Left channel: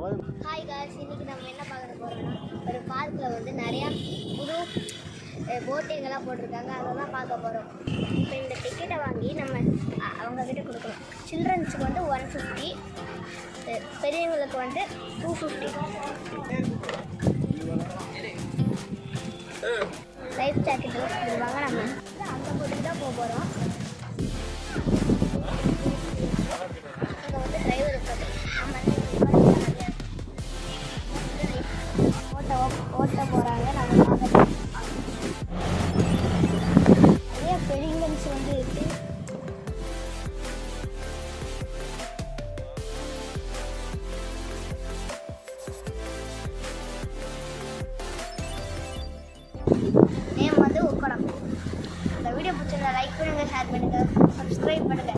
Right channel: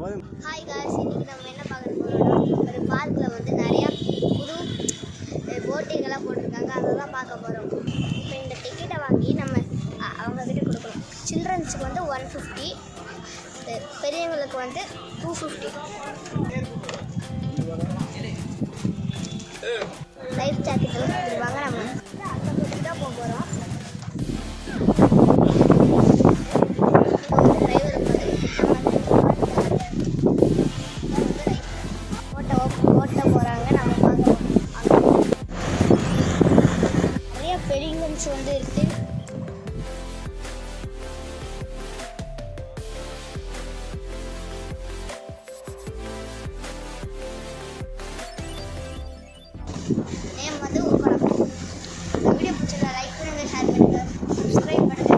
Hi guys, இன்னைக்கு நம்ம என்ன பார்க்க போகிறோம்னா ஒரு பார்க்கில் வந்து நிறையா புது போட்டிங்கெல்லாம் போட்டிருக்காங்க. அதை தான் பார்க்க போகிறோம். இப்போ இந்த டிக்கெட்டை வாங்கி நம்ம அவங்கக்கிட்ட கொடுக்கணும். சில்ட்ரன்ஸுக்கு வந்து 150, பெரியவங்களுக்கு வந்து 250. லைஃப் ஜாக்கெட் எல்லாம் கொடுத்துருவாங்க. நம்ம அந்த போட்டிக்கு தான் போக போகிறோம். ஓட்ட போகிறாங்க. நம்ம நிறைய பெலிங்கன்ஸ் வந்து இருக்குது. நேம் வந்து உட்காரம். இந்த வீடியோ பிடிச்சிருந்தா லைக் பண்ணுங்கள், ஷேர் பண்ணுங்கள், சப்ஸ்கிரைப் பண்ணுங்கள்.